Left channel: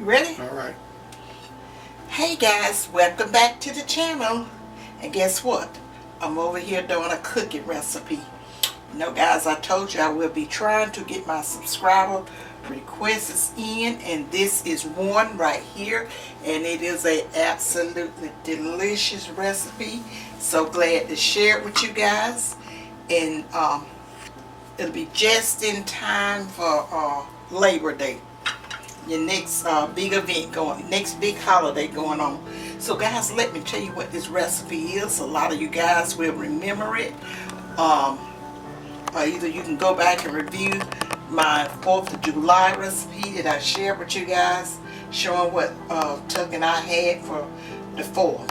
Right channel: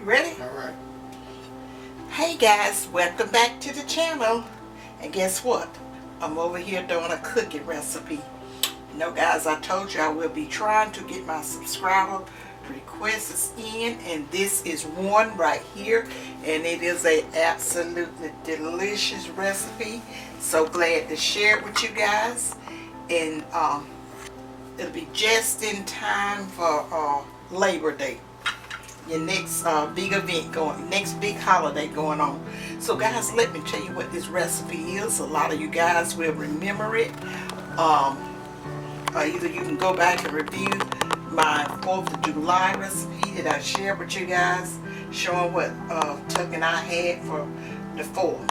You ready? All right. Hey guys, welcome back to the channel. And guess what? I'm over here doing a cookie recipe. You know guys, I told you I will be trying to get my subscriber requests in, and this is one right here, and it is a absolutely delicious recipe. So glad to share it with you guys, and it'll be just in time for Labor Day, your next big event next big holiday going on. So guys, let me tell you what this recipe is. A lot of you guys will remember it. Either you can go back and review my 4th of July recipe that I shared with you guys, showing what Tuck and I had for the 4th.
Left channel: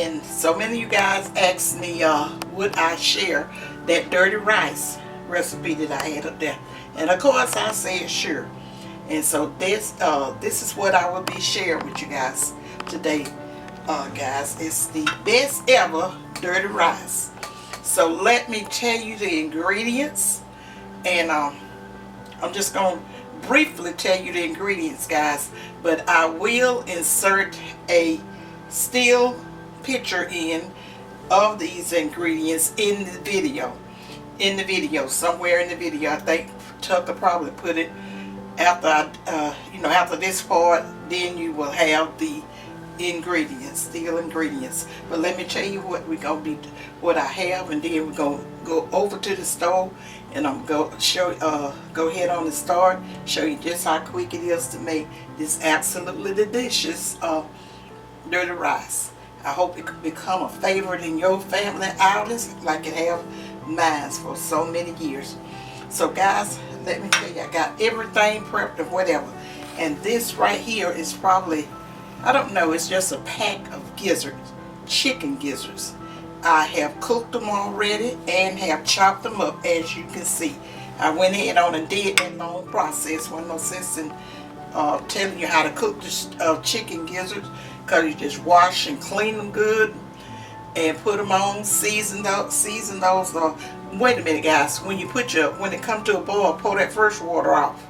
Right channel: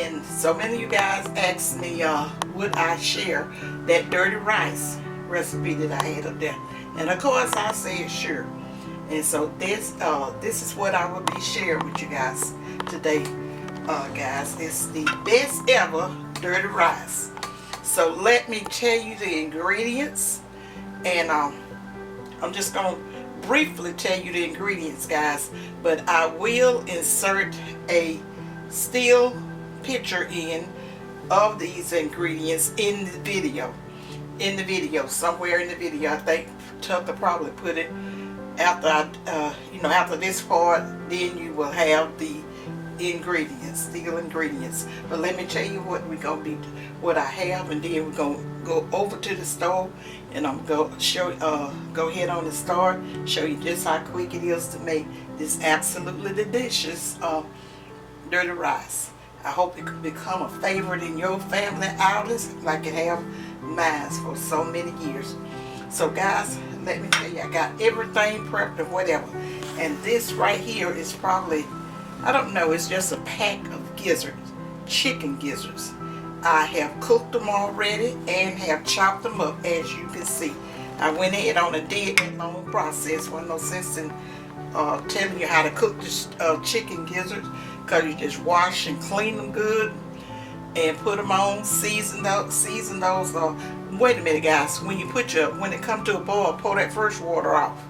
And so many of you guys asked me would I share that dirty rice recipe that I had up there, and of course I said sure. And so this is what I will be sharing with you guys today. Guys, it's the best ever dirty rice. So let me tell you the ingredients, and I'm just going to briefly tell you the ingredients, guys, but I will insert a still picture in of these ingredients in the video. Somewhere in the video. I think Tucker probably put it after after this part. Then you will have the ingredients, still ingredients. But let me tell you what what I have, and then we're gonna go over to the stove, and I'm gonna go ahead on and start, show you just how quick it is to make this absolutely delicious dirty rice. I hope it could become a favorite in your family outings like it have mine for so many years. So guys, let me tell you, I got everything prepped or whatever. And this right here is probably, I don't know, it's just a pack of gizzards, chicken gizzards. I have cooked them already and have chopped them up, as you can see. I went ahead on and did that long process. Wasn't no sense in telling you how to cook this chicken gizzards, because you just wash and clean them good and put them on, season those. Wait a minute, guys. When it comes to a boil, pour that first water off.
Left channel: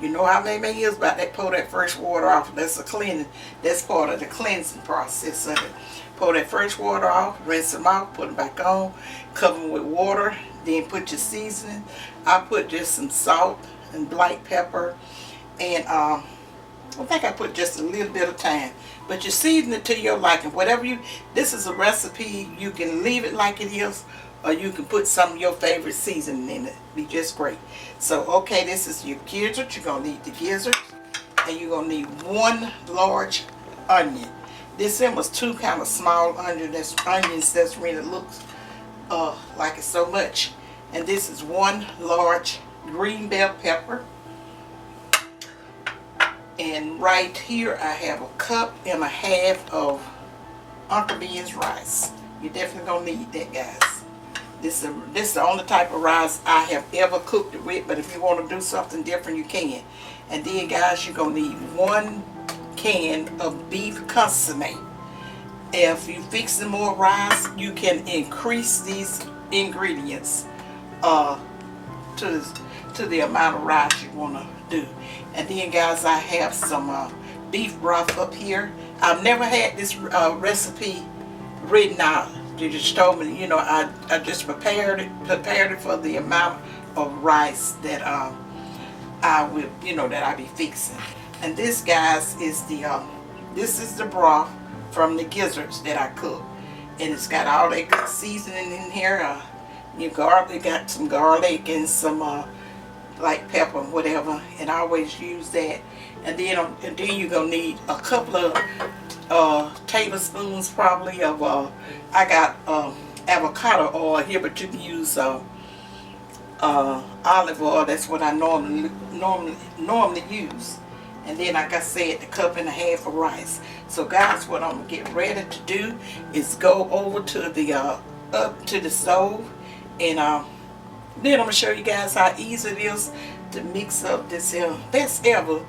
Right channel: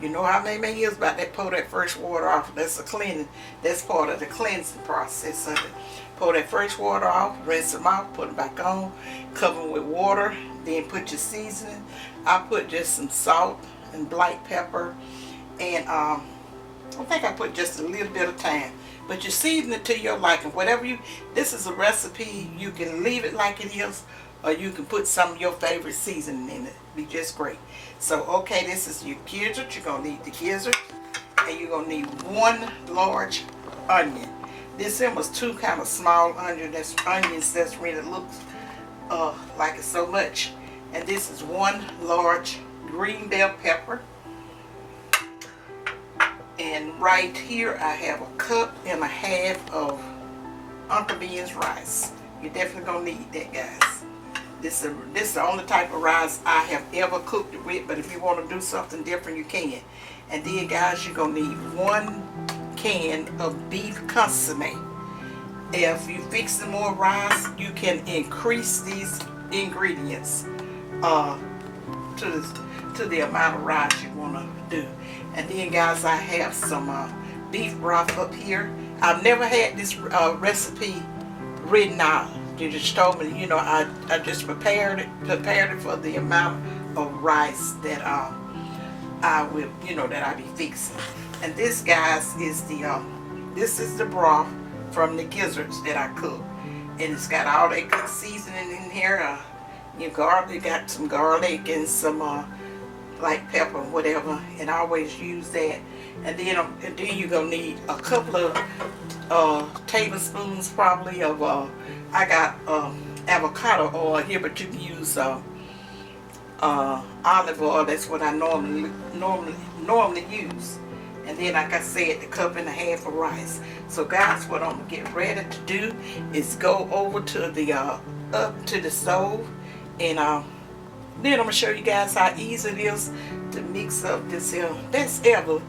You know how many years about that? Pour that first water off. That's a cleaning. That's part of the cleansing process of it. Pour that first water off, rinse them off, put them back on, cover them with water. Then put your seasoning. I put just some salt and black pepper, and I think I put just a little bit of thyme. But you season it to your liking. This is a recipe. You can leave it like it is, or you can put some of your favorite seasoning in it. Be just great. So okay, this is your gizzard. You're gonna need the gizzard, and you're gonna need 1 large onion. This one was 2 kind of small onions. That's really looks like it's so much. And this is 1 large green bell pepper. And right here I have 1.5 cups of Uncle Ben's rice. You're definitely gonna need that, guys. This is the only type of rice I have ever cooked it with, but if you want to do something different, you can. And then guys, you're gonna need 1 can of beef consomme. If you fix some more rice, you can increase these ingredients to the amount of rice you want to do. And then guys, I have some beef broth up here. I've never had this recipe written out. You just told me, I just prepared it for the amount of rice that I will, that I be fixing. And this, guys, is the broth from the gizzards that I cook, and it's got all that good seasoning in here. You got some garlic and some like pepper and whatever, and I always use that. And then you're gonna need a couple of tablespoons probably of I got avocado oil here, but you can use olive oil. That's what I normally use. And then, like I said, the 1.5 cups of rice. So guys, what I'm gonna get ready to do is go over to the up to the stove, and then I'm gonna show you guys how easy it is to mix up this best ever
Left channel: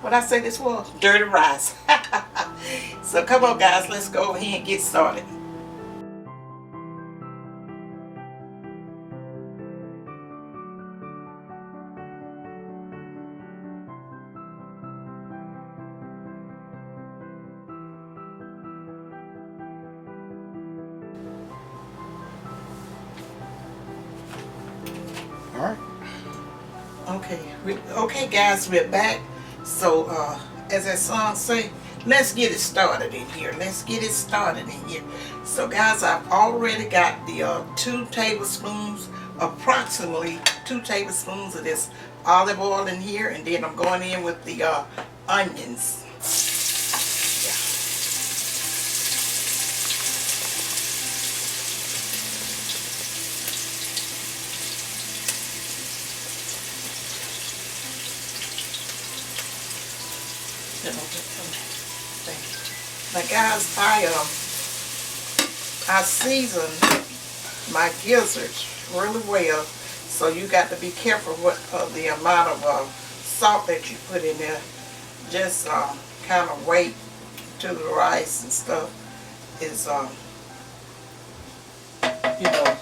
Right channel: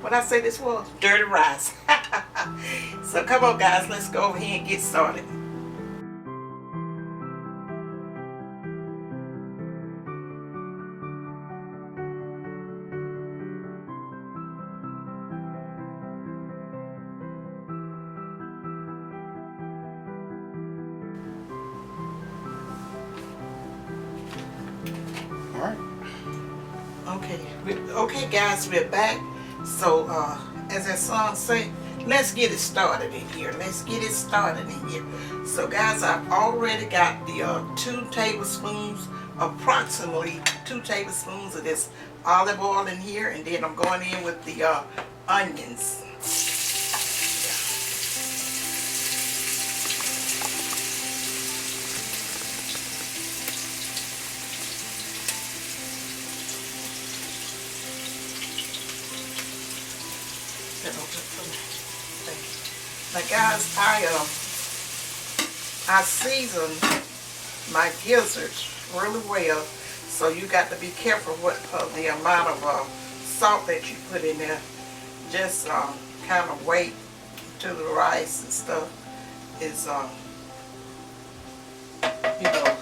what I say this was? Dirty rice. So come on guys, let's go over here and get started. Alright. Okay guys, we're back. So as that song say, let's get it started in here. Let's get it started in here. So guys, I've already got the 2 tablespoons, approximately 2 tablespoons of this olive oil in here, and then I'm going in with the onions. Now guys, I season my gizzards really well, so you got to be careful what the amount of salt that you put in there. Just kind of wait till the rice and stuff is you know,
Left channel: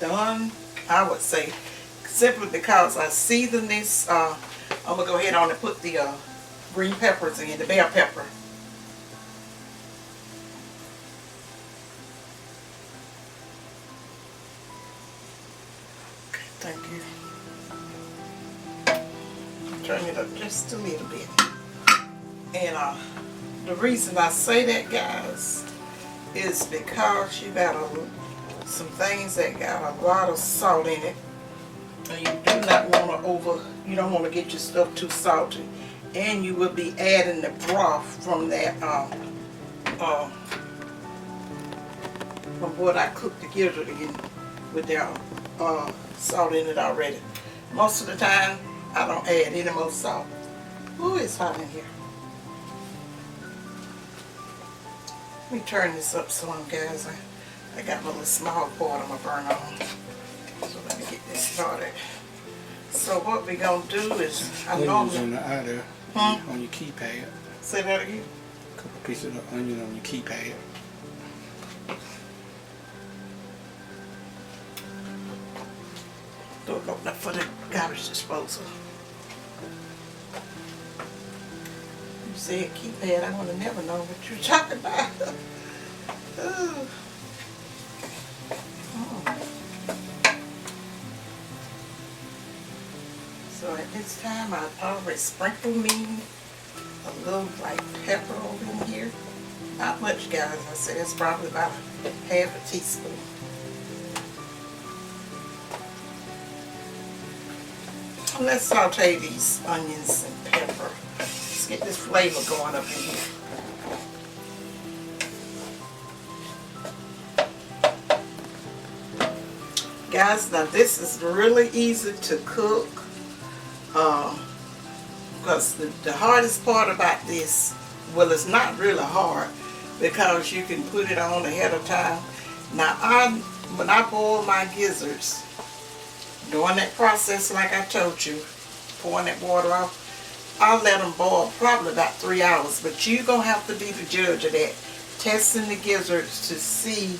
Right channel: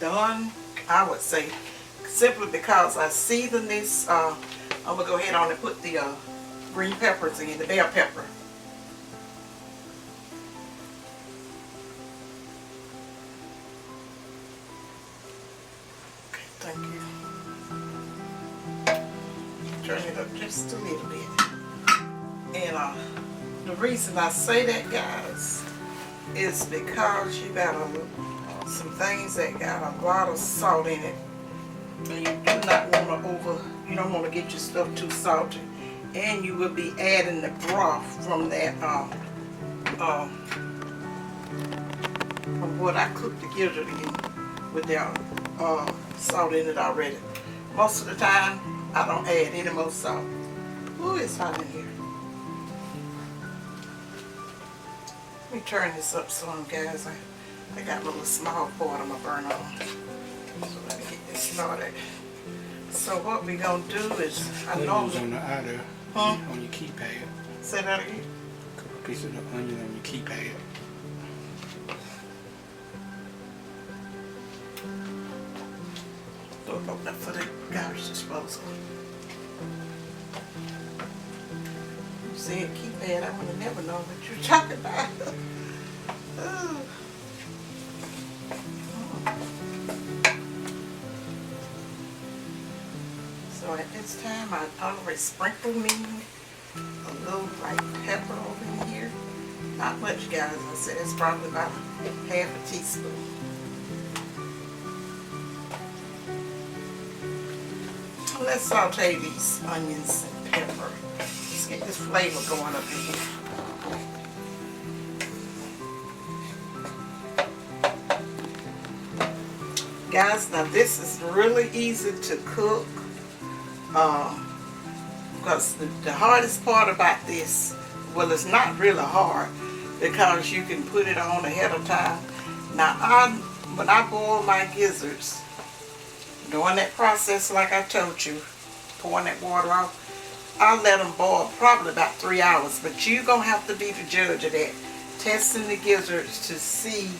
done, I would say, simply because I season this. I'm going to go ahead on and put the green peppers in, the bell pepper. Okay, thank you. Turn it up just a little bit. And the reason I say that, guys, is because you got some things that got a lot of salt in it. And you do not want to you don't want to get your stuff too salty. And you will be adding the broth from that, from what I cooked the gizzard in with that salt in it already. Most of the time, I don't add any more salt. Ooh, it's hot in here. Let me turn this up some, guys. I got a little small pot I'm going to burn on. So let me get this started. So what we're going to do is, Onions on the outer, on your keypad. Say that again? A couple pieces of onion on your keypad. Don't open up for the garbage disposal. You said keypad, I would have never known what you're talking about. Ooh. So at this time, I already sprinkled me a little like pepper over in here. Not much, guys. I said it's probably about half a teaspoon. Let's saute these onions and pepper. Let's get this flavor going up in here. Guys, now this is really easy to cook. Because the hardest part about this, well, it's not really hard because you can put it on ahead of time. Now, when I boil my gizzards, doing that process like I told you, pouring that water off, I let them boil probably about 3 hours. But you're going to have to be the judge of that, testing the gizzards to see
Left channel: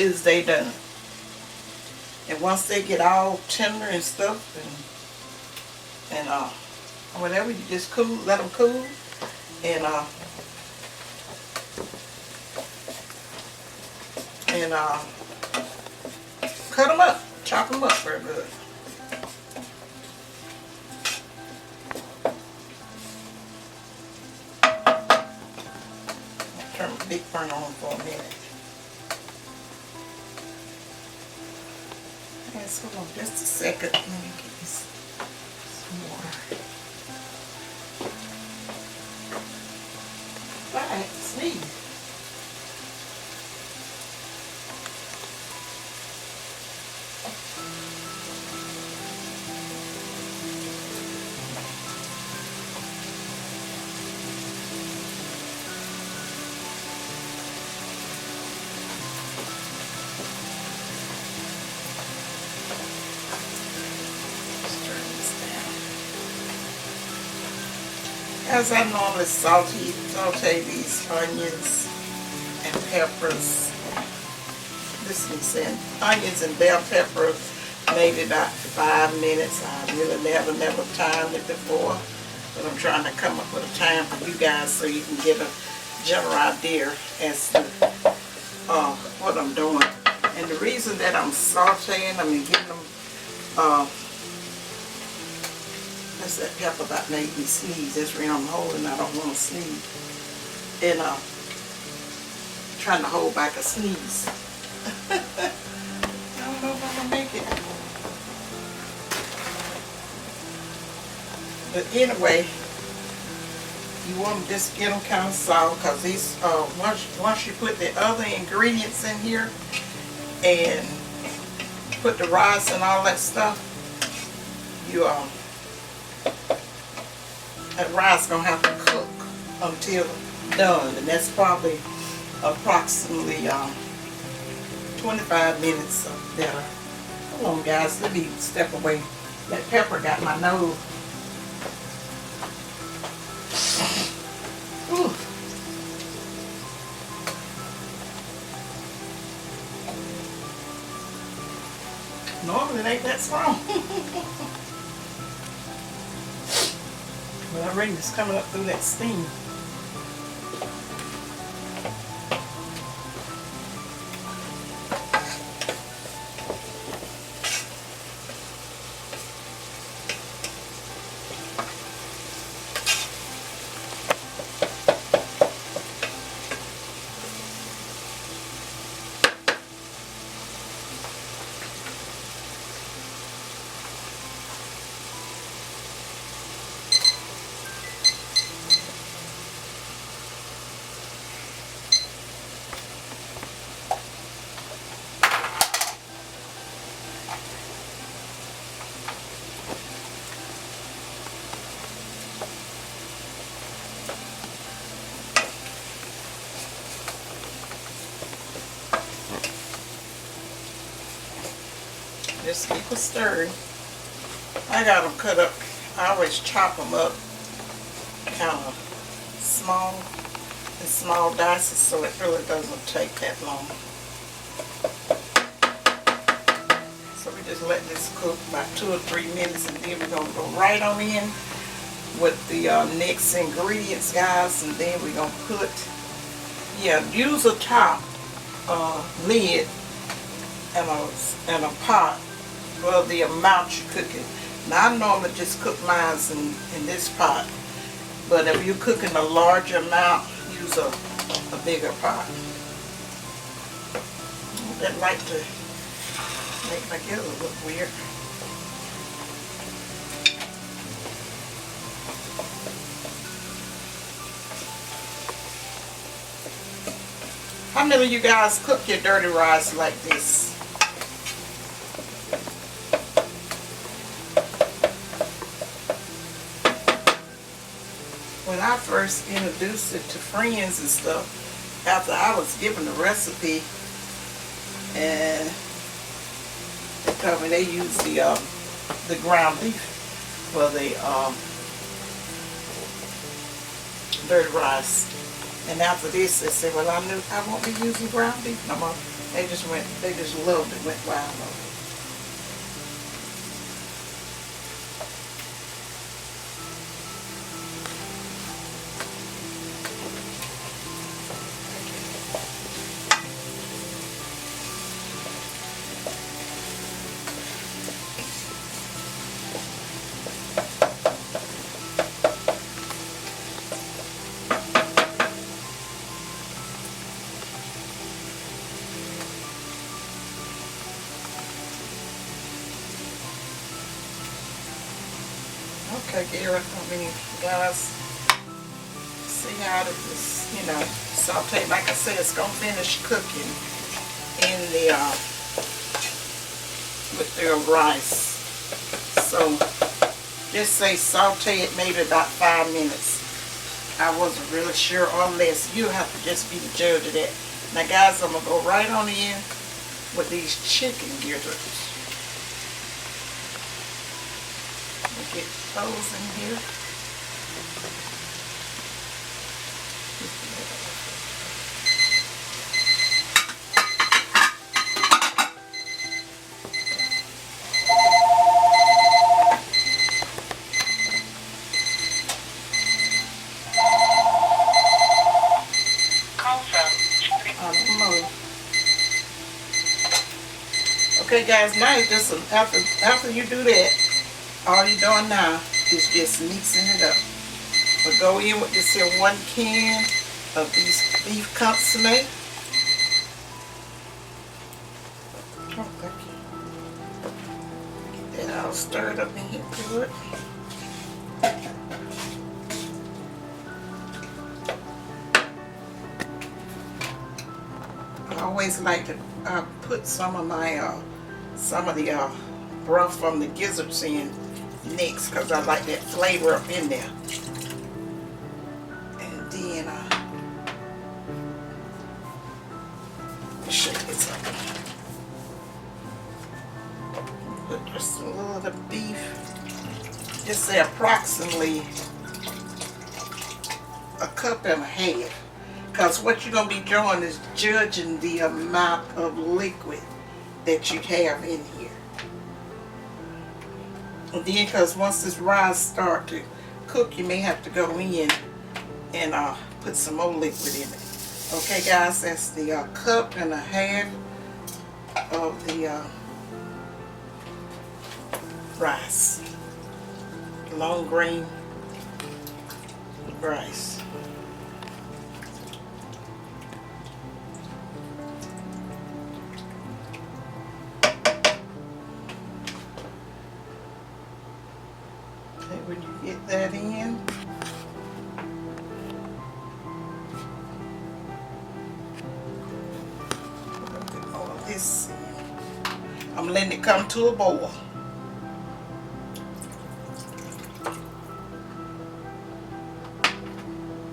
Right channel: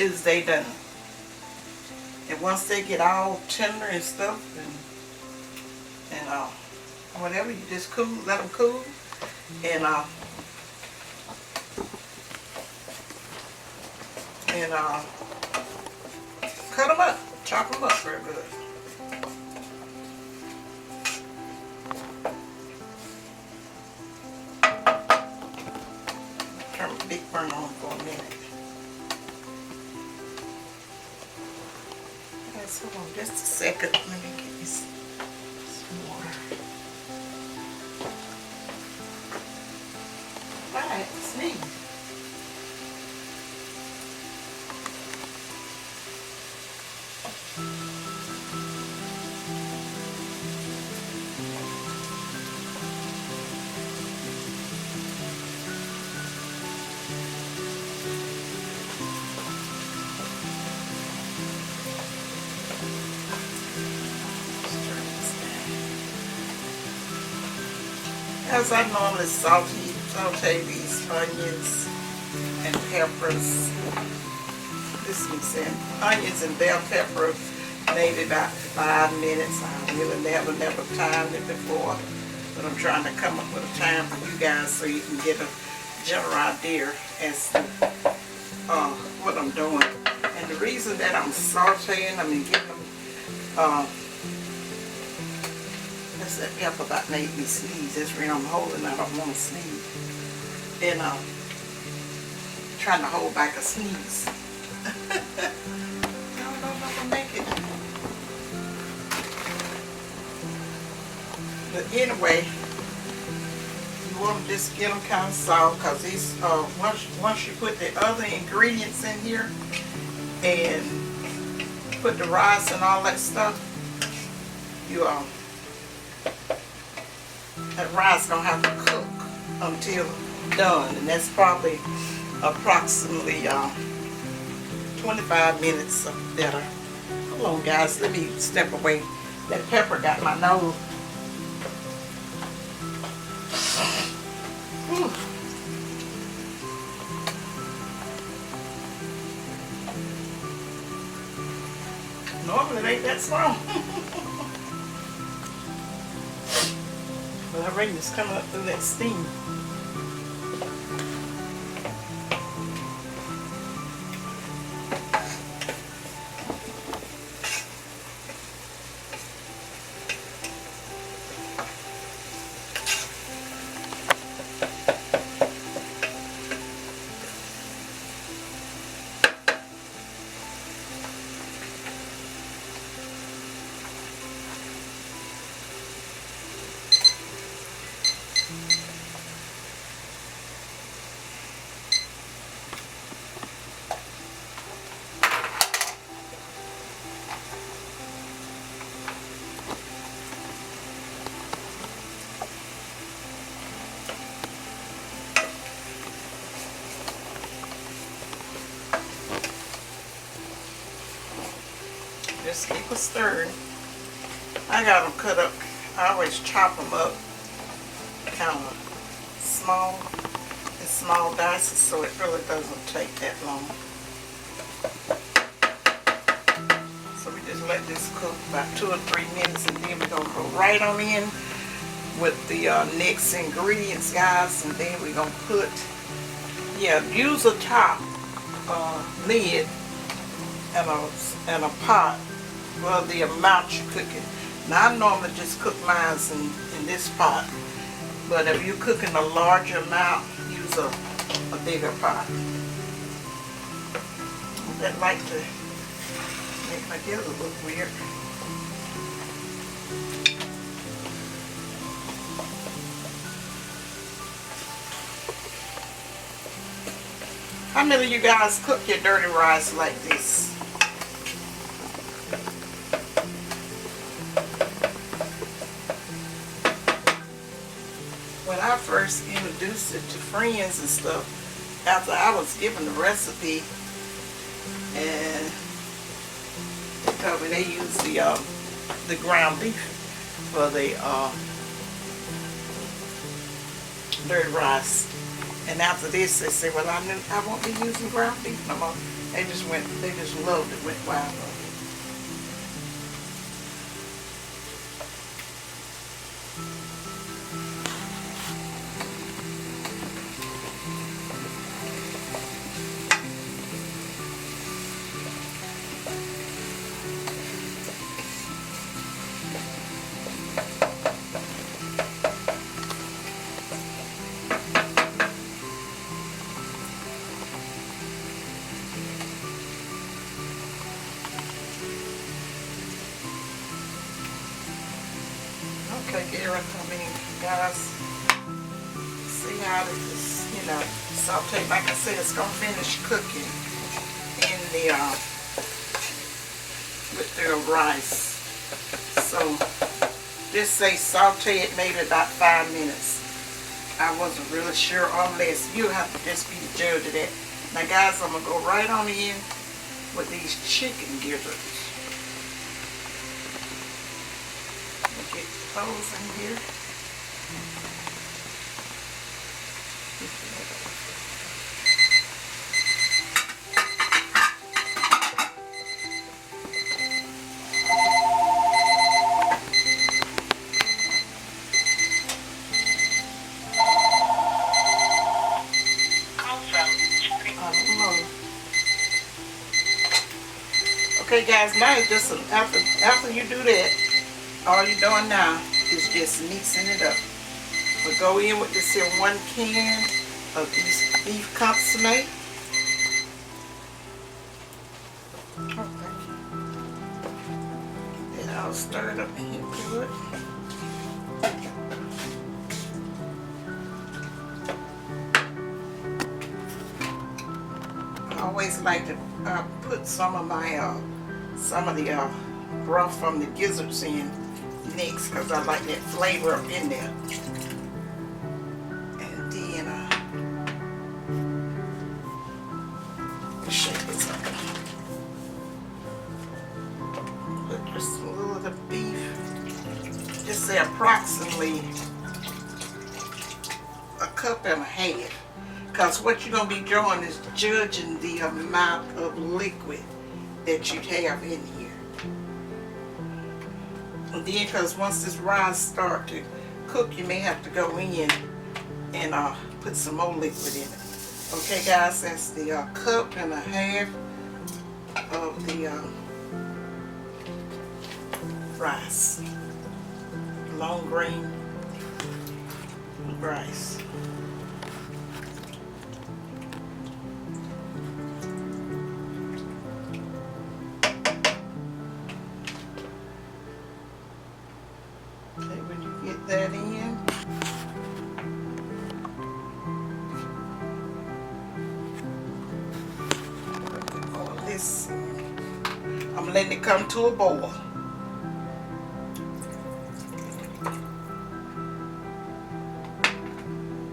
is they done. And once they get all tender and stuff and whatever, you just cool, let them cool, and cut them up, chop them up very good. Turn the big burn on for a minute. Guys, hold on just a second. Let me get this some water. Right, sneeze. As I normally saute these onions and peppers. This is saying onions and bell pepper, maybe about 5 minutes. I really never timed it before, but I'm trying to come up with a time for you guys so you can get a general idea as to what I'm doing. And the reason that I'm sauteing them and getting them, that's that pepper about made me sneeze. That's the reason I'm holding. I don't want to sneeze. And trying to hold back a sneeze. I don't know if I can make it. But anyway, you want to just get them kind of soft, because these once you put the other ingredients in here and put the rice and all that stuff, you that rice gonna have to cook until done, and that's probably approximately 25 minutes better. Hold on, guys, let me step away. That pepper got my nose. Ooh. Normally it ain't that strong. But I reckon it's coming up through that steam. Just keep it stirring. I got them cut up. I always chop them up kind of small, in small dices, so it really doesn't take that long. So we just let this cook about 2 or 3 minutes, and then we're going to go right on in with the next ingredients, guys. And then we're going to put, use a top lid and a pot for the amount you're cooking. Now I normally just cook mine in this pot, but if you're cooking a larger amount, use a bigger pot. That like to make my gills look weird. How many of you guys cook your dirty rice like this? When I first introduced it to friends and stuff, after I was given the recipe, and they told me they use the ground beef for the dirty rice. And after this, they said, well, I won't be using ground beef no more. They just loved it, went wild over it. Okay, Gary, guys, see how it is, saute. Like I said, it's gonna finish cooking in the with the rice. So just say saute it maybe about 5 minutes. I wasn't really sure, or less. You have to just be the judge of that. Now, guys, I'm gonna go right on in with these chicken gizzards. Get those in here. guys, now it's just after you do that, all you're doing now is just mixing it up. We'll go in with this here 1 can of these beef consomme. Oh, thank you. Get that all stirred up in here good. I always like to put some of the broth from the gizzards in next, because I like that flavor up in there. And then shake this up. Put just a little of the beef. Just say approximately a cup and a half. Because what you're going to be doing is judging the amount of liquid that you have in here. And then, because once this rice start to cook, you may have to go in and put some more liquid in it. Okay, guys, that's the cup and a half of the rice. Long grain rice. When you get that in, put all of this in. I'm letting it come to a boil.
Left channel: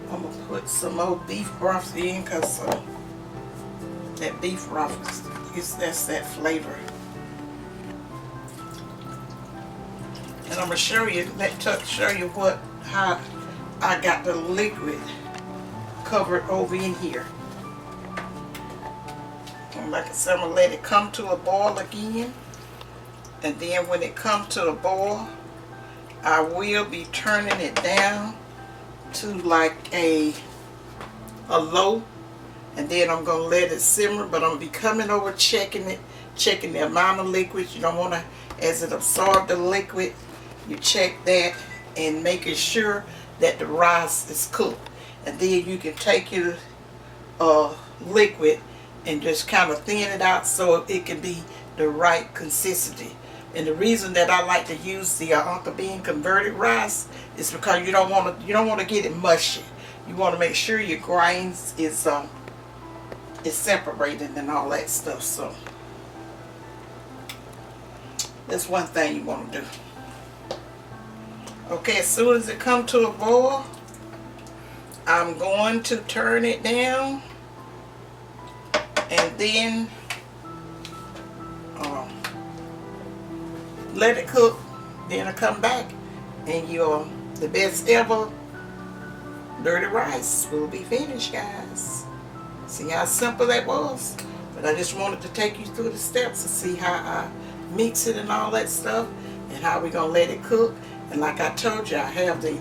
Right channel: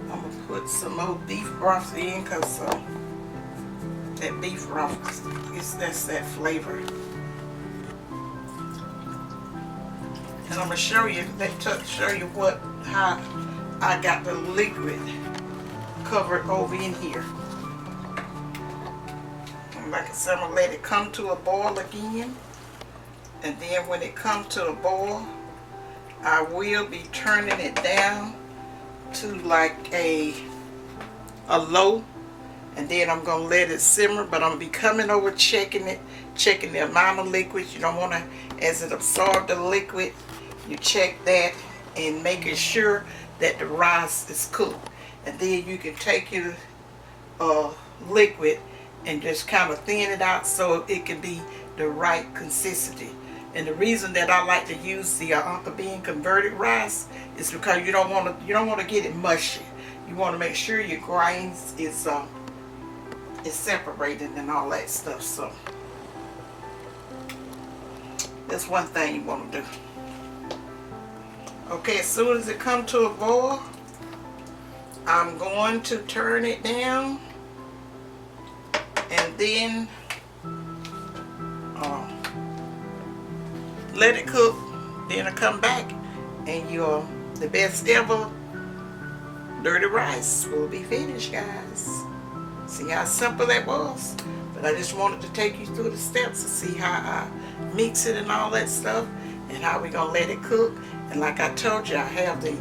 I'm gonna put some more beef broth in, because that beef broth that's that flavor. And I'm gonna show you how I got the liquid covered over in here. And like I said, I'm gonna let it come to a boil again. And then when it comes to a boil, I will be turning it down to like a low. And then I'm gonna let it simmer, but I'm gonna be coming over checking it, checking the amount of liquid. You don't wanna, as it absorbs the liquid, you check that and making sure that the rice is cooked. And then you can take your liquid and just kind of thin it out so it can be the right consistency. And the reason that I like to use the Uncle Bean converted rice is because you don't want to get it mushy. You want to make sure your grains is separated and all that stuff. So that's one thing you want to do. Okay, as soon as it comes to a boil, I'm going to turn it down, and then let it cook. Then I come back, and the best ever dirty rice will be finished, guys. See how simple that was? But I just wanted to take you through the steps to see how I mix it and all that stuff, and how we're gonna let it cook. And like I told you, I have the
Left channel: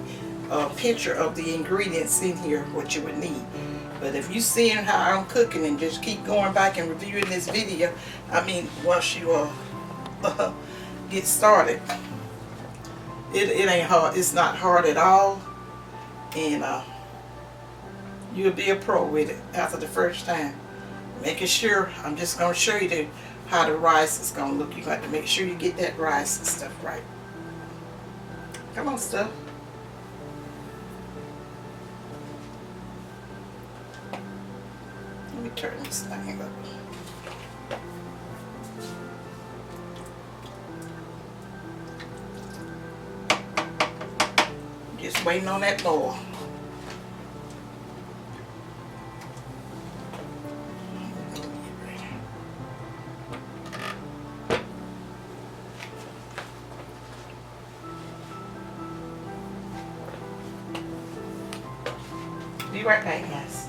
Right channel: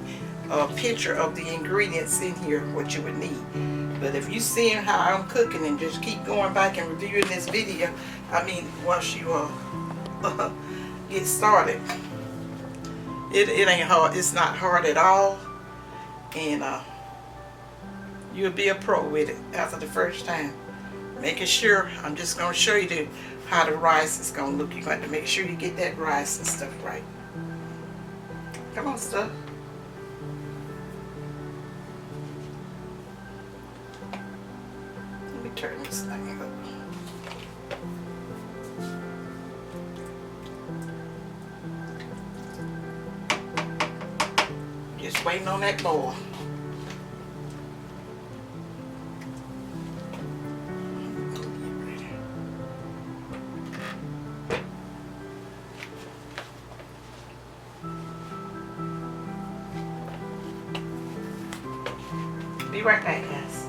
picture of the ingredients in here, what you would need. But if you seeing how I'm cooking and just keep going back and reviewing this video, I mean, once you get started, it ain't hard. It's not hard at all, and you'll be a pro with it after the first time. Making sure, I'm just gonna show you how the rice is gonna look. You got to make sure you get that rice and stuff right. Come on, stuff. Let me turn this thing up. Just waiting on that boil. Be right back, guys.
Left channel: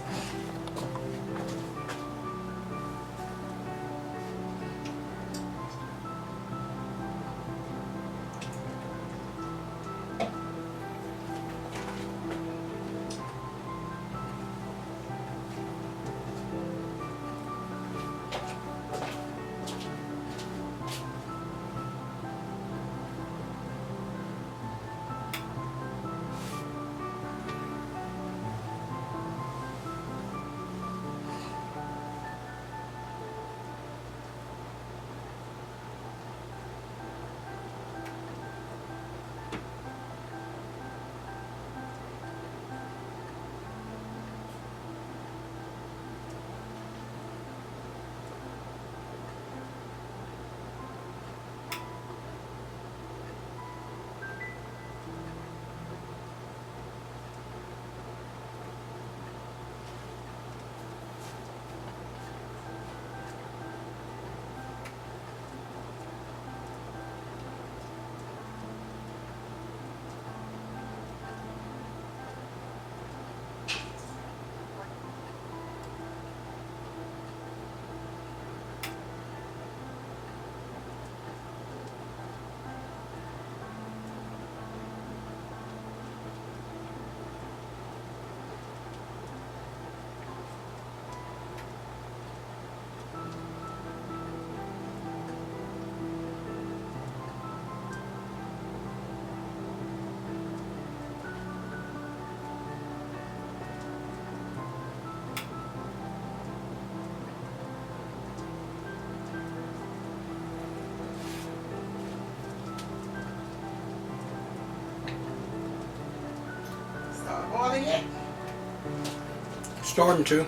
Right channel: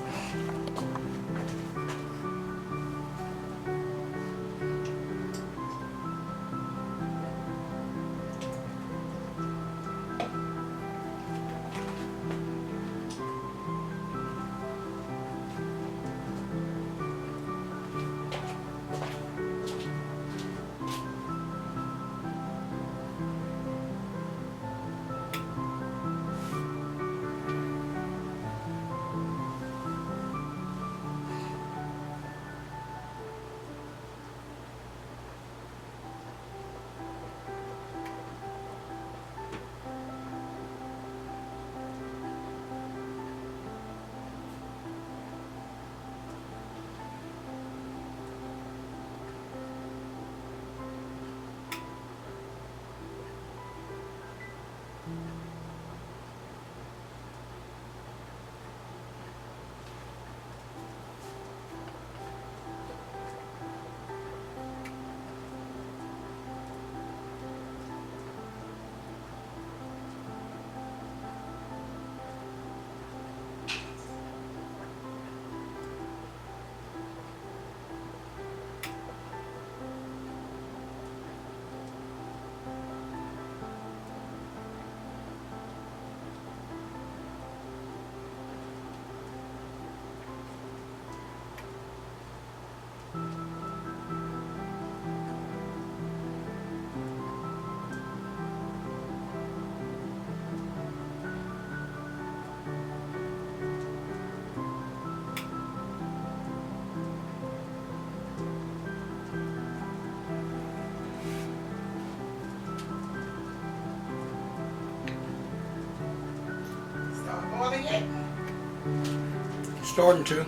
Starting to.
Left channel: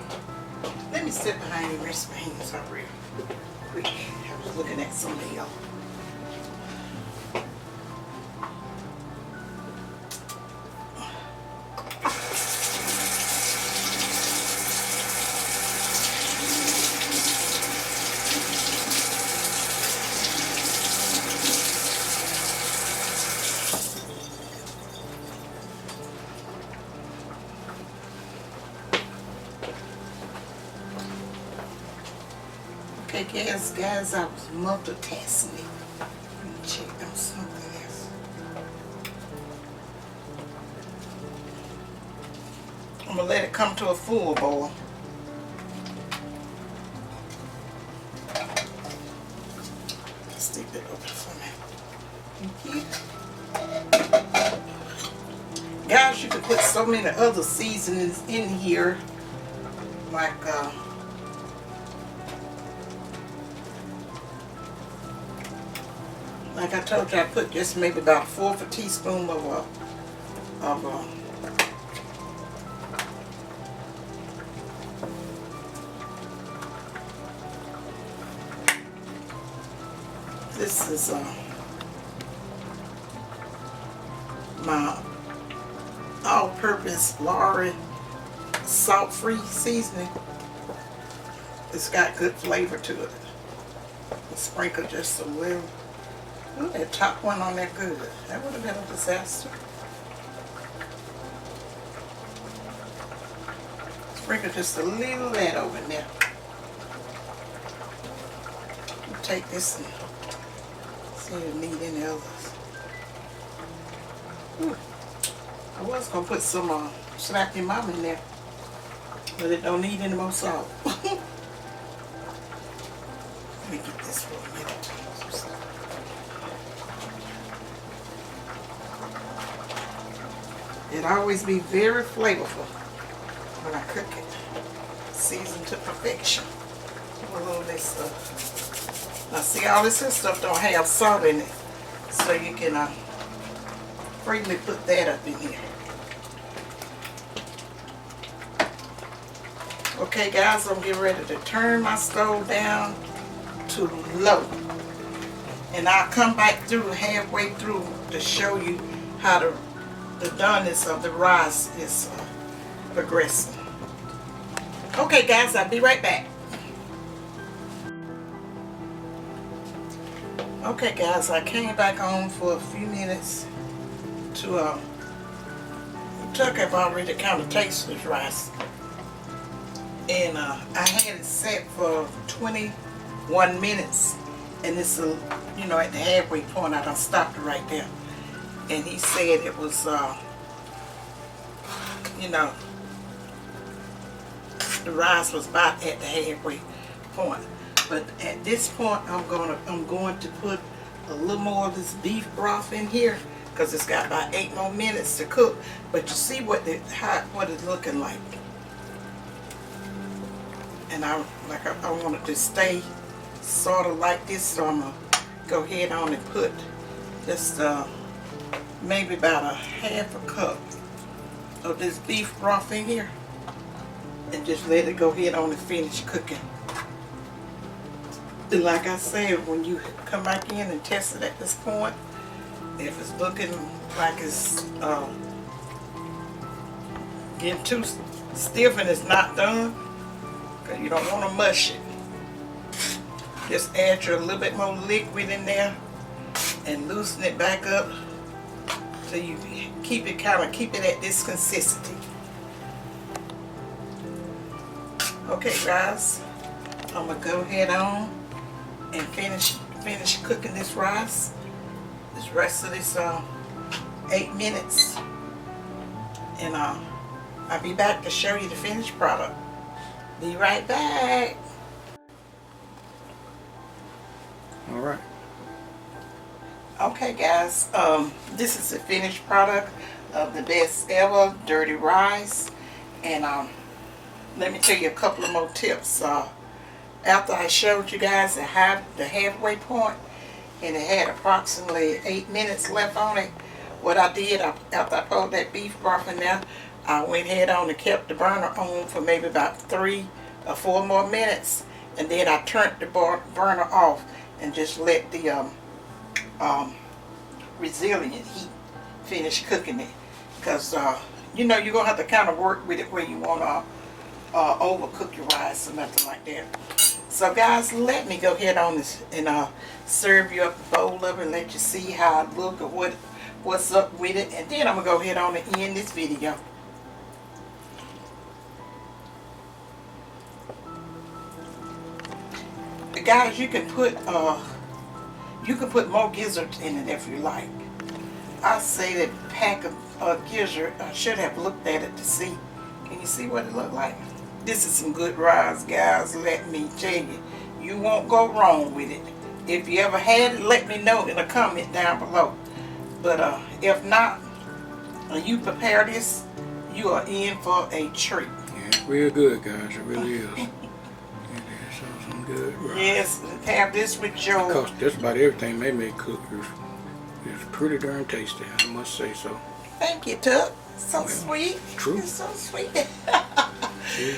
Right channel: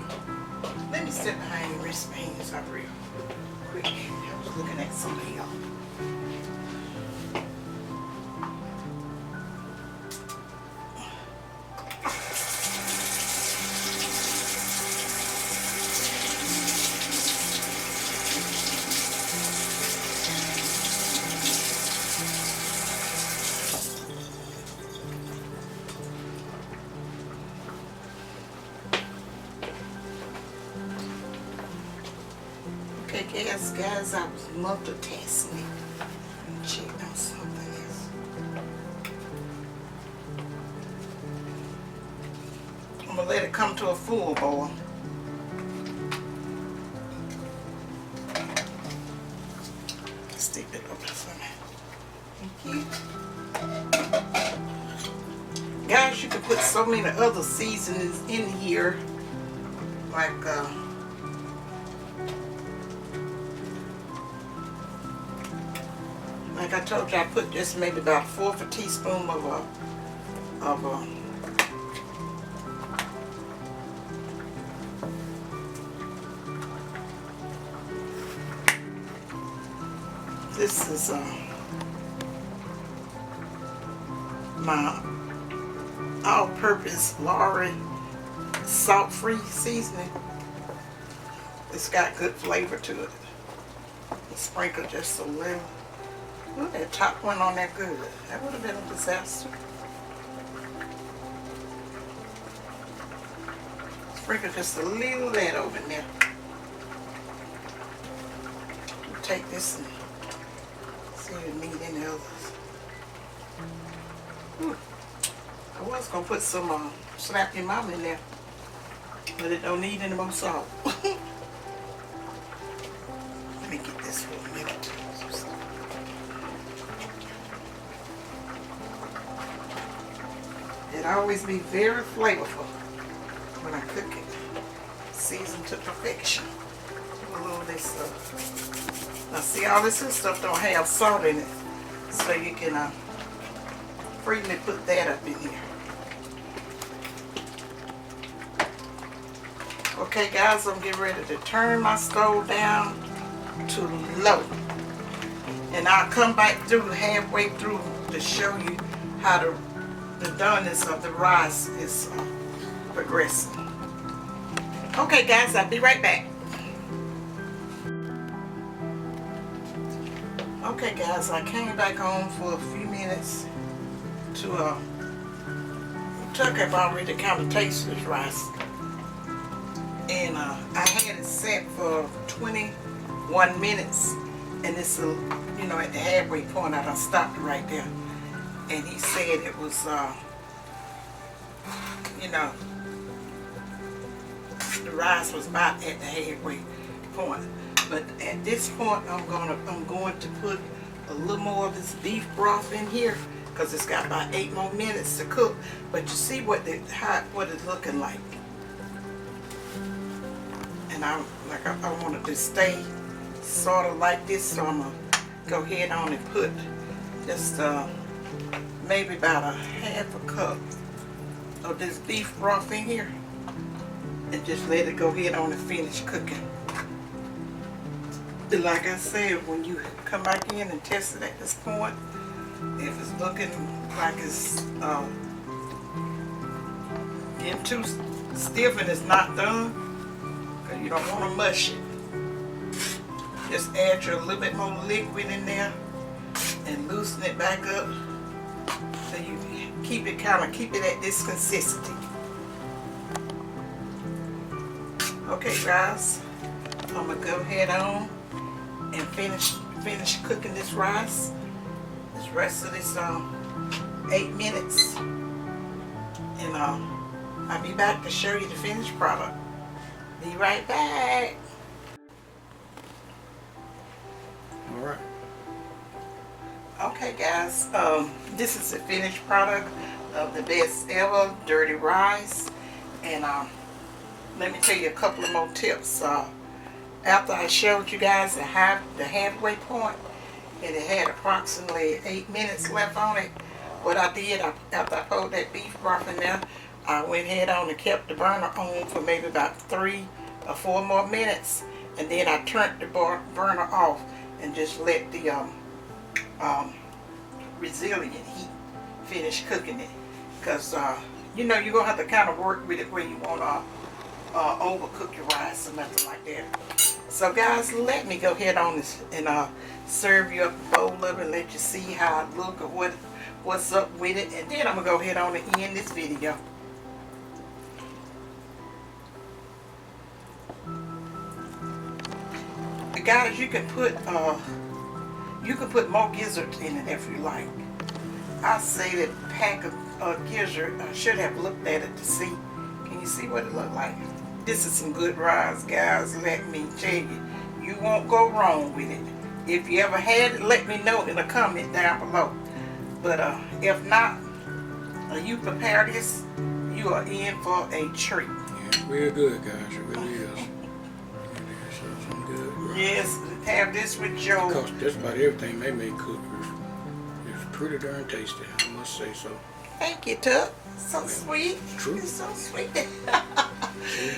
Let me sit behind your wristbands up real quick. I was looking at something else. Okay, guys, I was multitasking. Let me check on something else. I'm gonna let it come to a full boil. Stick it over for me. Thank you. Guys, you can put so many other seasonings in here, like I told you, I put just maybe about 1/4 a teaspoon of this is my all-purpose Lorry salt-free seasoning. It's got good flavor to it. Sprinkle just a little. Ooh, that top one on there good. That would have been a disaster. Sprinkle just a little of that over there. We'll take this and see if we need any others. Ooh. I was going to put some Slap Your Mama in there, but it don't need any more salt. Let me get this for a minute. It always be very flavorful when I cook it. Seasoned to perfection. A little of this stuff. Now see, all this stuff don't have salt in it, so you can freely put that up in here. Okay guys, I'm getting ready to turn my stove down to low. And I'll come back through halfway through to show you how the doneness of the rice is progressing. Okay guys, I'll be right back. Okay guys, I came back on for a few minutes to Tuck have already kind of tasted this rice. And I had it set for 21 minutes, and it's you know, at the halfway point I done stopped it right there. And he said it was you know, the rice was about at the halfway point. But at this point I'm going to put a little more of this beef broth in here, because it's got about 8 more minutes to cook. But you see what it's looking like. And I want it to stay sort of like this, so I'm gonna go ahead on and put just maybe about a 1/2 cup of this beef broth in here, and just let it go ahead on and finish cooking. And like I said, when you come back in and test it at this point, if it's looking like it's getting too stiff and it's not done, because you don't want to mush it, just add your little bit more liquid in there and loosen it back up so you keep it at this consistency. Okay guys, I'm gonna go ahead on and finish cooking this rice. This rest of this 8 minutes, and I'll be back to show you the finished product. Be right back. All right. Okay guys, this is the finished product of the best ever dirty rice. And let me tell you a couple of more tips. After I showed you guys the halfway point, and it had approximately 8 minutes left on it, what I did, after I poured that beef broth in there, I went ahead on and kept the burner on for maybe about 3 or 4 more minutes, and then I turned the burner off and just let the resilient heat finish cooking it. Because you know, you're gonna have to kind of work with it where you want to overcook your rice or nothing like that. So guys, let me go ahead on this and serve you up a bowl of it and let you see how it look or what's up with it, and then I'm gonna go ahead on and end this video. Guys, you can put more gizzards in it if you like. I say that pack of gizzard, I should have looked at it to see. Can you see what it looked like? This is some good rice, guys. Let me tell you, you won't go wrong with it. If you ever had it, let me know in a comment down below. But if not, you prepare this, you are in for a treat. Yeah, it's real good, guys. It really is. Some good rice. Yes, have this with your... Because just about everything they make cook is pretty darn tasty, I must say so. Thank you, Tuck. So Well, sweet. true. You're so sweet.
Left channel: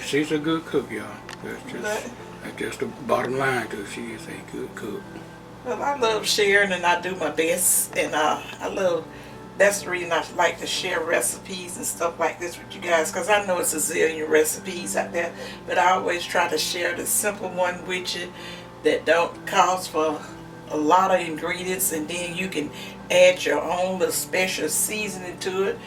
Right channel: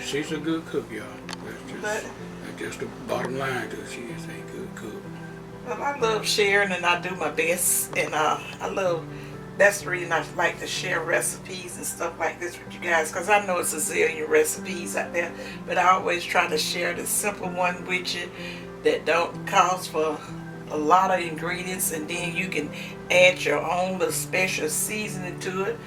She's a good cook, y'all. That's just the bottom line, because she is a good cook. Well, I love sharing and I do my best, and that's the reason I like to share recipes and stuff like this with you guys, because I know it's a zillion recipes out there, but I always try to share the simple one with you that don't cost for a lot of ingredients, and then you can add your own little special seasoning to it.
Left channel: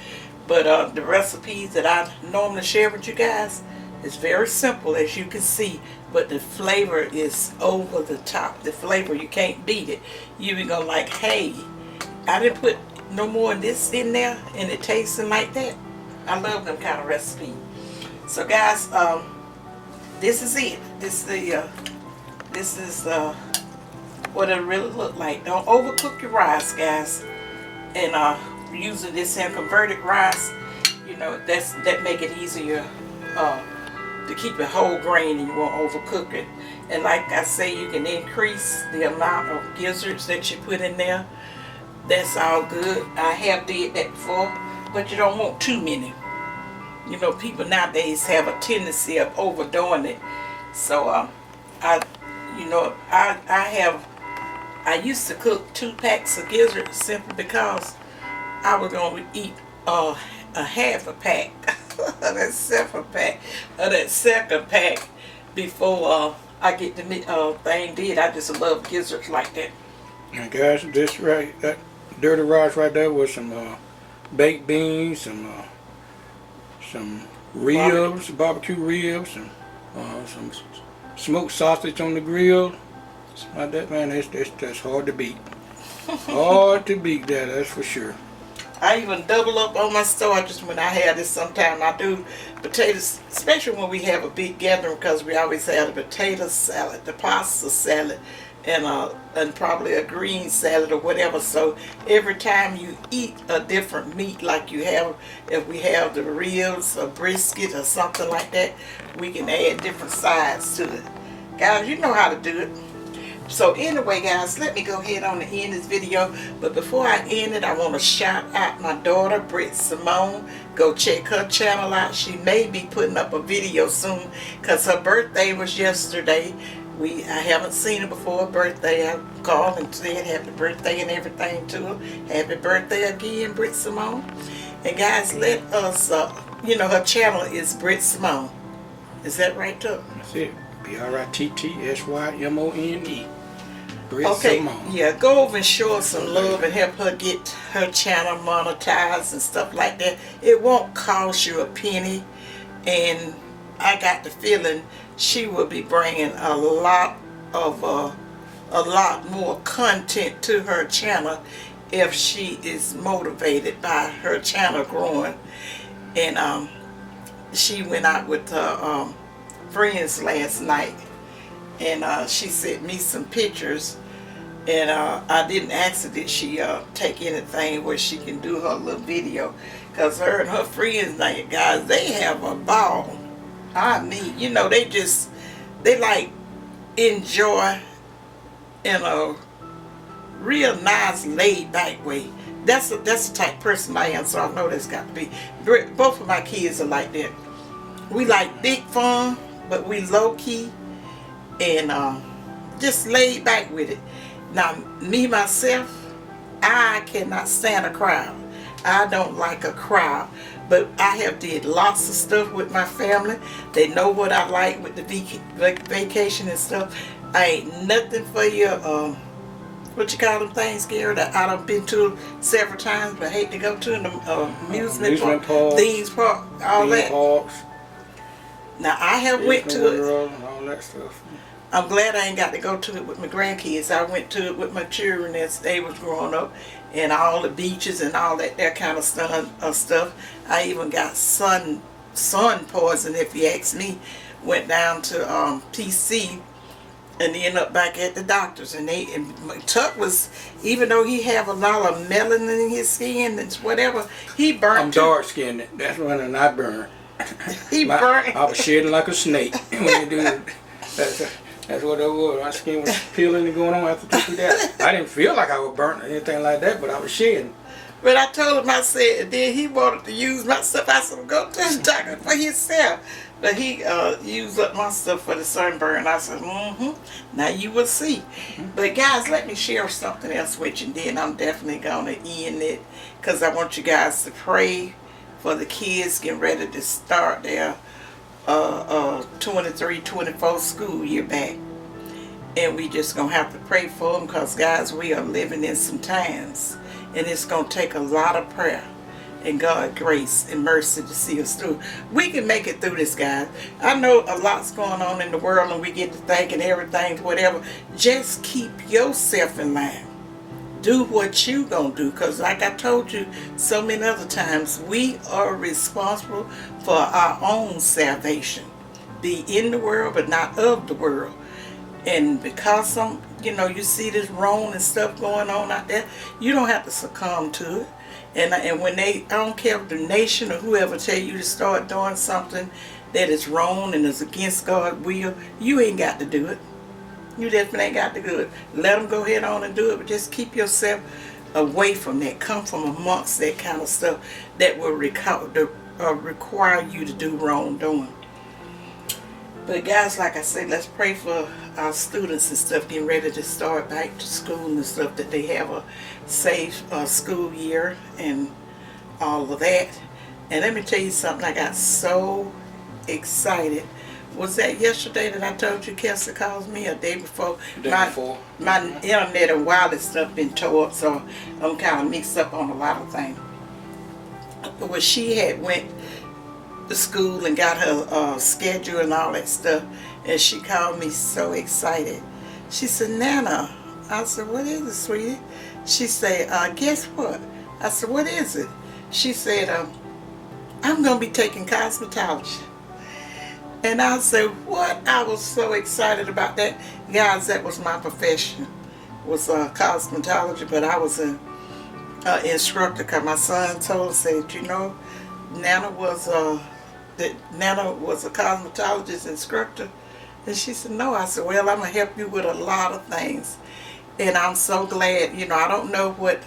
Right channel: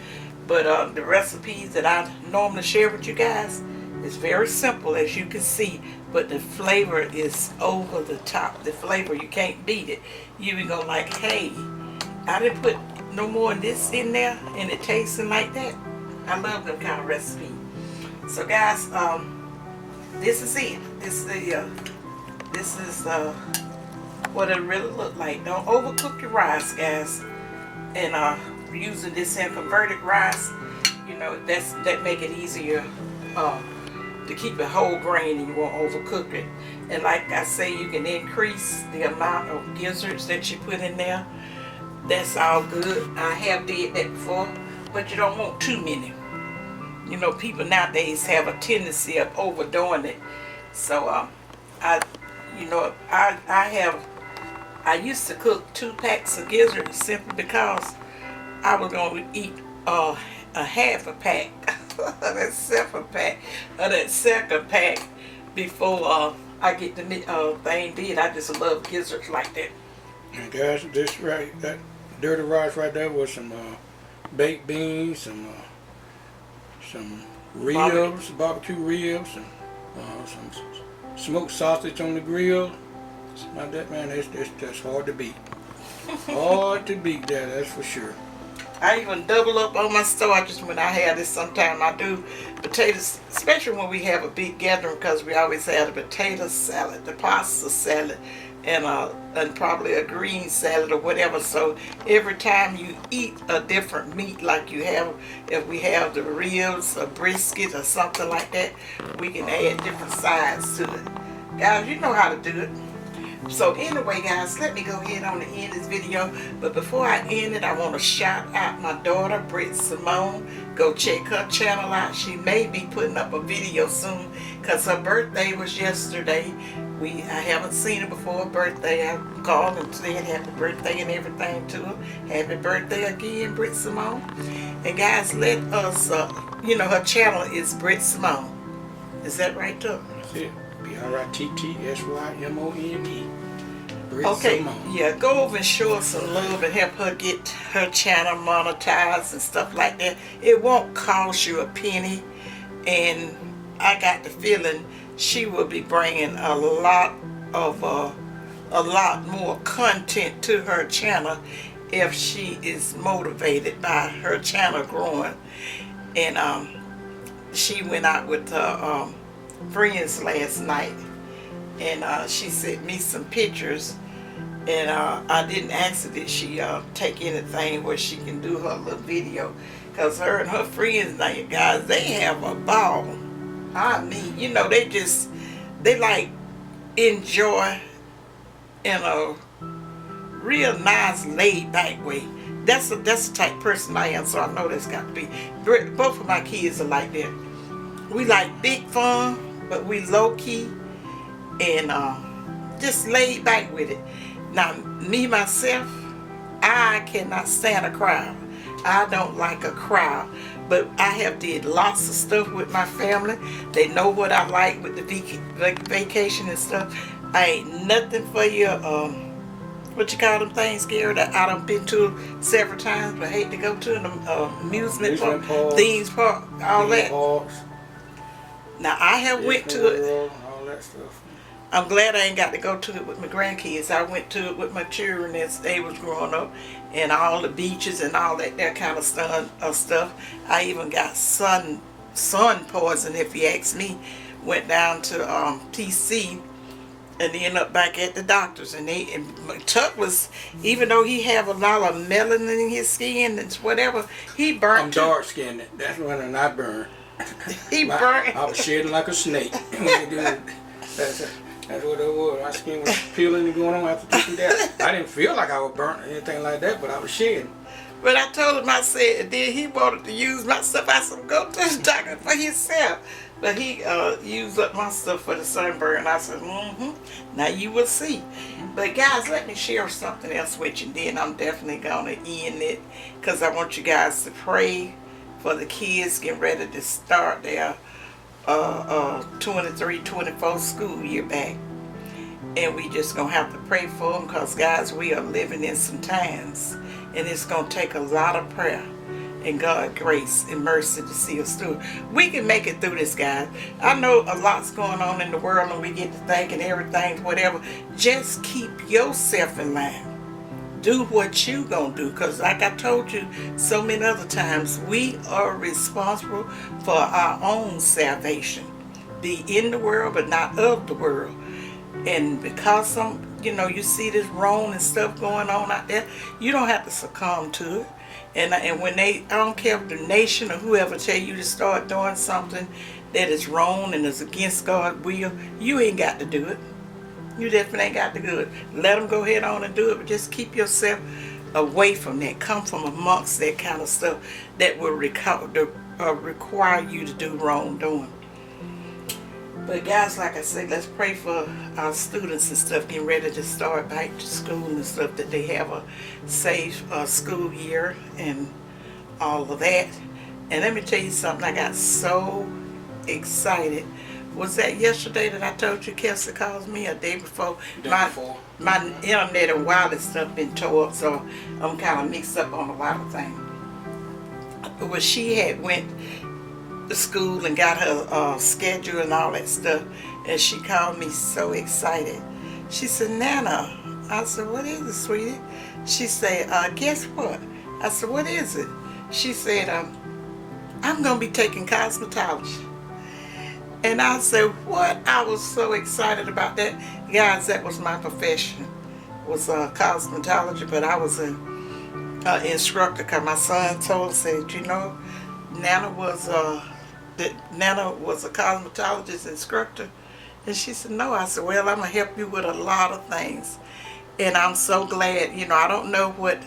But the recipes that I normally share with you guys is very simple, as you can see, but the flavor is over the top. The flavor, you can't beat it. You be go like, hey, I didn't put no more of this in there and it tasting like that. I love them kind of recipes. So guys, this is it. This is what it really look like. Don't overcook your rice, guys. And using this here converted rice, you know, that make it easier to keep it whole grain, and you won't overcook it. And like I say, you can increase the amount of gizzards that you put in there. That's all good. I have did that before, but you don't want too many. You know, people nowadays have a tendency of overdoing it. So I used to cook 2 packs of gizzards simply because I was going to eat a half a pack of that second pack before I get the thing did. I just love gizzards like that. And guys, that dirty rice right there with some baked beans, some ribs, barbecue ribs, and some smoked sausage on the grill. Like that, man, that's hard to beat. Hard to beat that's for sure. I even double up on my starches when I have this. Sometimes I do potatoes, especially when we have a big gathering, because we always have the potato salad, the pasta salad, and probably a green salad or whatever. So every time you eat a different meat, like you have, if we have the ribs or brisket or something like that, we can add different sides to it. Guys, you know how to do it. So anyway, guys, let me go ahead on and end this video. But before I end it, I want to shout out my daughter, BRITT Simone. Go check her channel out. She may be putting up a video soon, because her birthday was yesterday. I haven't seen her before her birthday. I called and said happy birthday and everything to her. Happy birthday again, BRITT Simone. And guys, let us, her channel is BRITT Simone. Is that right, too? That's it. BRITTSYMONE. BRITT Okay, Simone. yeah, go over and show her some love and help her get her channel monetized and stuff like that. It won't cost you a penny, and I got the feeling she will be bringing a lot more content to her channel if she is motivated by her channel growing. And she went out with her friends last night, and she sent me some pictures, and I didn't ask her did she take anything where she can do her little video, because her and her friends, now, guys, they have a ball. I mean, they like enjoy in a real nice, laid back way. That's the type of person I am, so I know that's got to be. Both of my kids are like that. We like big fun, but we low key and just laid back with it. Now, me myself, I cannot stand a crowd. I don't like a crowd, but I have did lots of stuff with my family. They know what I like with the vacation and stuff. I ain't nothing for your what you call them things, Gary, that I done been to several times, but hate to go to the amusement park, theme park, all that. Parks. Now I have went to it. All that stuff. I'm glad I ain't got to go to it with my grandkids. I went to it with my children as they was growing up, and all the beaches and all that kind of stuff. I even got sun poison, if you ask me. Went down to PC and ended up back at the doctor's. And Tuck was, even though he have a lot of melanin in his skin and whatever, he burnt. I'm dark skinned. That's when I burn. He burnt. I was shedding like a snake when you do it. That's what it was. My skin was peeling and going on after 2 days. I didn't feel like I was burnt or anything like that, but I was shedding. But I told him, I said, and then he wanted to use my stuff. I said, go to the doctor for himself. But he used up my stuff for the sunburn. I said, now you will see. But guys, let me share something else with you. And then I'm definitely going to end it, because I want you guys to pray for the kids getting ready to start their 23-24 school year back. And we just gonna have to pray for them, because guys, we are living in some times, and it's gonna take a lot of prayer and God grace and mercy to see us through. We can make it through this, guys. I know a lot's going on in the world, and we get to thinking everything, whatever. Just keep yourself in line. Do what you gonna do, because like I told you so many other times, we are responsible for our own salvation. Be in the world, but not of the world. And because you see this wrong and stuff going on out there, you don't have to succumb to it. And when I don't care if the nation or whoever tell you to start doing something that is wrong and is against God's will, you ain't got to do it. You definitely ain't got to do it. Let them go ahead on and do it, but just keep yourself away from that. Come from amongst that kind of stuff that will require you to do wrongdoing. But guys, like I said, let's pray for our students and stuff getting ready to start back to school and stuff, that they have a safe school year and all of that. And let me tell you something, I got so excited. Was that yesterday that I told you Kelsey calls me, a day before? My internet and wireless stuff been tore up, so I'm kind of mixed up on a lot of things. Well, she had went to school and got her schedule and all that stuff, and she called me so excited. She said, Nana. I said, what is it, sweetie? She said, guess what? I said, what is it? She said, I'm going to be taking cosmetology. And I said, what? I was so excited about that. Guys, that was my profession, was cosmetology, but I was an instructor, because my son told us, said, Nana was a cosmetologist instructor. And she said, no. I said, well, I'm going to help you with a lot of things. And I'm so glad, I don't know what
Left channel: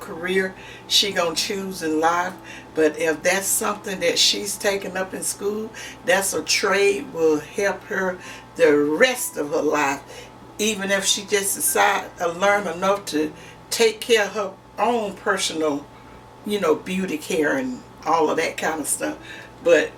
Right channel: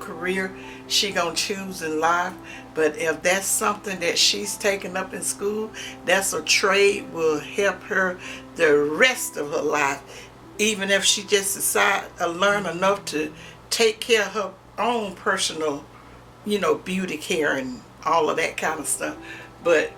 career she going to choose in life, but if that's something that she's taken up in school, that's a trade will help her the rest of her life, even if she just decides to learn enough to take care of her own personal, beauty care and all of that kind of stuff. But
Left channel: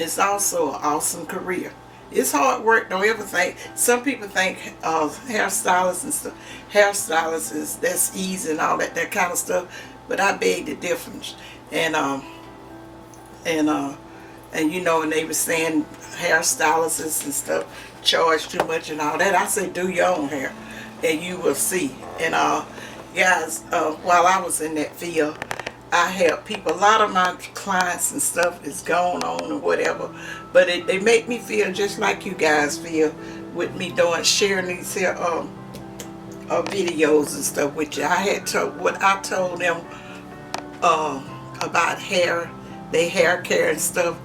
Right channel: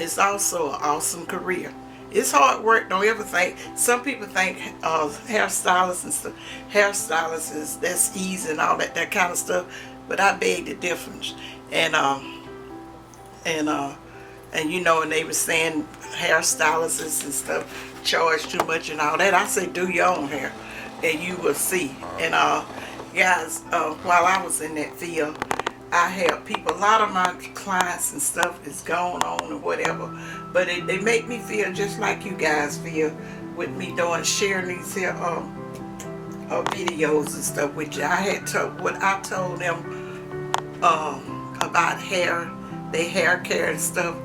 it's also an awesome career. It's hard work, don't ever think. Some people think hairstylists and stuff, hairstylists that's easy and all that kind of stuff, but I beg the difference. And they were saying hairstylists and stuff charge too much and all that. I say, do your own hair, and you will see. And guys, while I was in that field, I help people. A lot of my clients and stuff is going on or whatever, but they make me feel just like you guys feel with me sharing these here videos and stuff with you. I had what I told them about hair, their hair care and stuff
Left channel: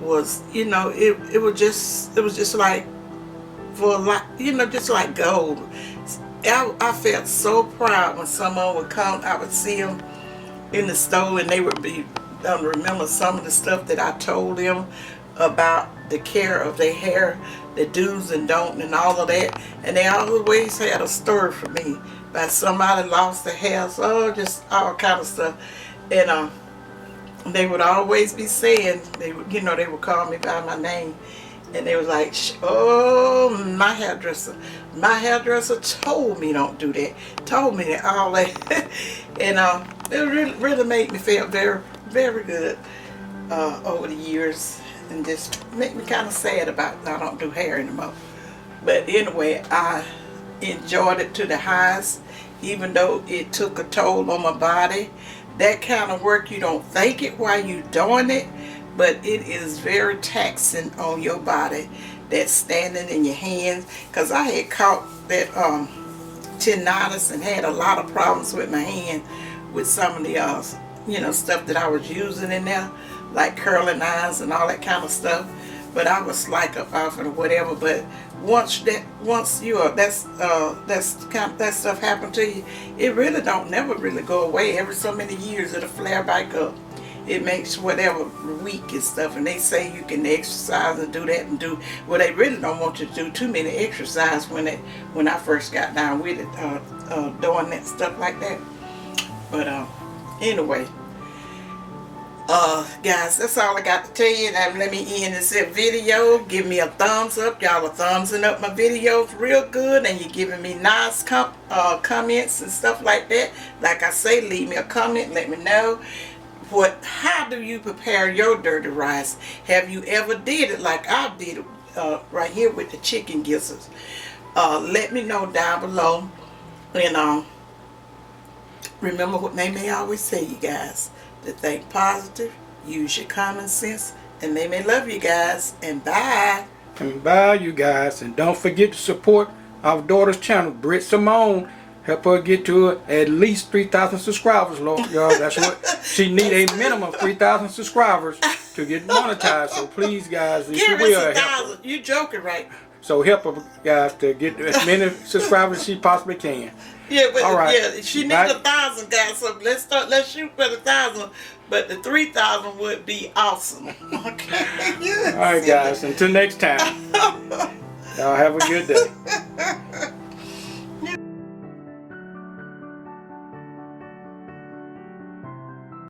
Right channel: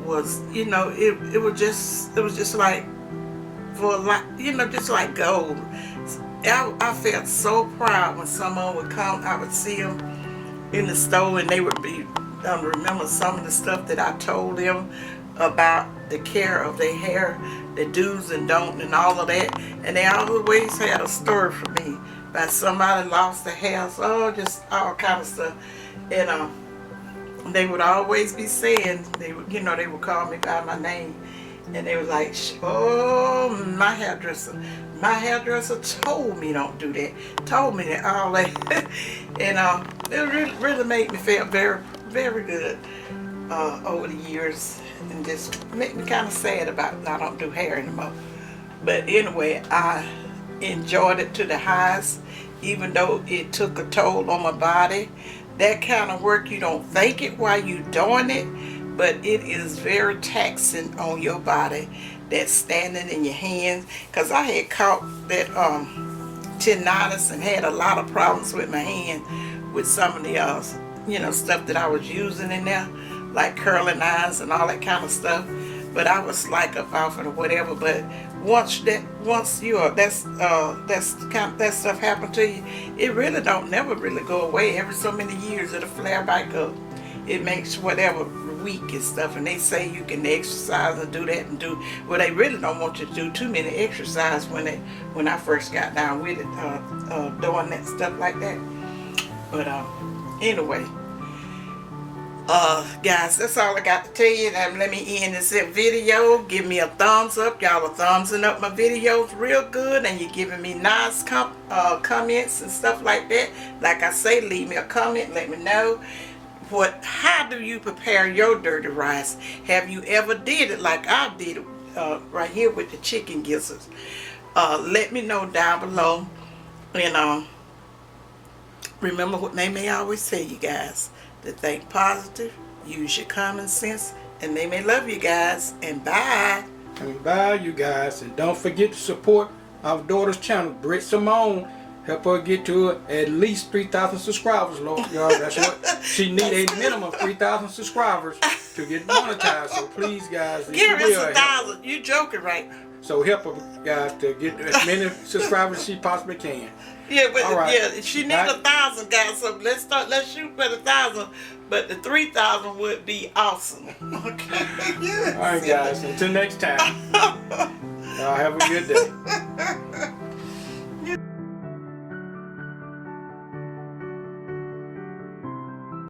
was, it was just like for a lot, just like gold. I felt so proud when someone would come. I would see them in the store, and they would be remember some of the stuff that I told them about the care of their hair, the do's and don'ts, and all of that. And they always had a story for me about somebody lost their hair, so just all kind of stuff. And they would always be saying, they would, they would call me by my name, and they was like, oh, my hairdresser told me don't do that, told me that, all that. And it really made me feel very, very good over the years, and just make me kind of sad about I don't do hair anymore. But anyway, I enjoyed it to the highest, even though it took a toll on my body. That kind of work, you don't think it while you're doing it, but it is very taxing on your body, that standing in your hands. Because I had caught that tendinitis and had a lot of problems with my hand with some of the stuff that I was using in there, like curling irons and all that kind of stuff. But I was like up off it or whatever. But once that stuff happened to you, it really don't never really go away. Every so many years it'll flare back up. It makes whatever weak and stuff, and they say you can exercise and do that and do. Well, they really don't want you to do too many exercise when I first got down with it, doing that stuff like that. But anyway, guys, that's all I got to tell you. And let me end this video. Give me a thumbs up. Y'all are thumbsing up my videos real good, and you're giving me nice comments and stuff like that. Like I say, leave me a comment. Let me know how do you prepare your dirty rice? Have you ever did it like I did it right here with the chicken gizzards? Let me know down below. And remember what they may always say, you guys, to think positive, use your common sense, and they may love you guys. And bye. And bye, you guys. And don't forget to support our daughter's channel, BRITT Simone. Help her get to at least 3,000 subscribers, Lord. Y'all, that's what she need, a minimum of 3,000 subscribers to get monetized. So please, guys, if Give you us will, 1,000. You joking, right? So help her, guys, to get as many subscribers as she possibly can. Yeah, but all right. Yeah, she needs 1,000, guys. So let's shoot for 1,000. But the 3,000 would be awesome. Okay. All right, guys. Until next time. Y'all have a good day.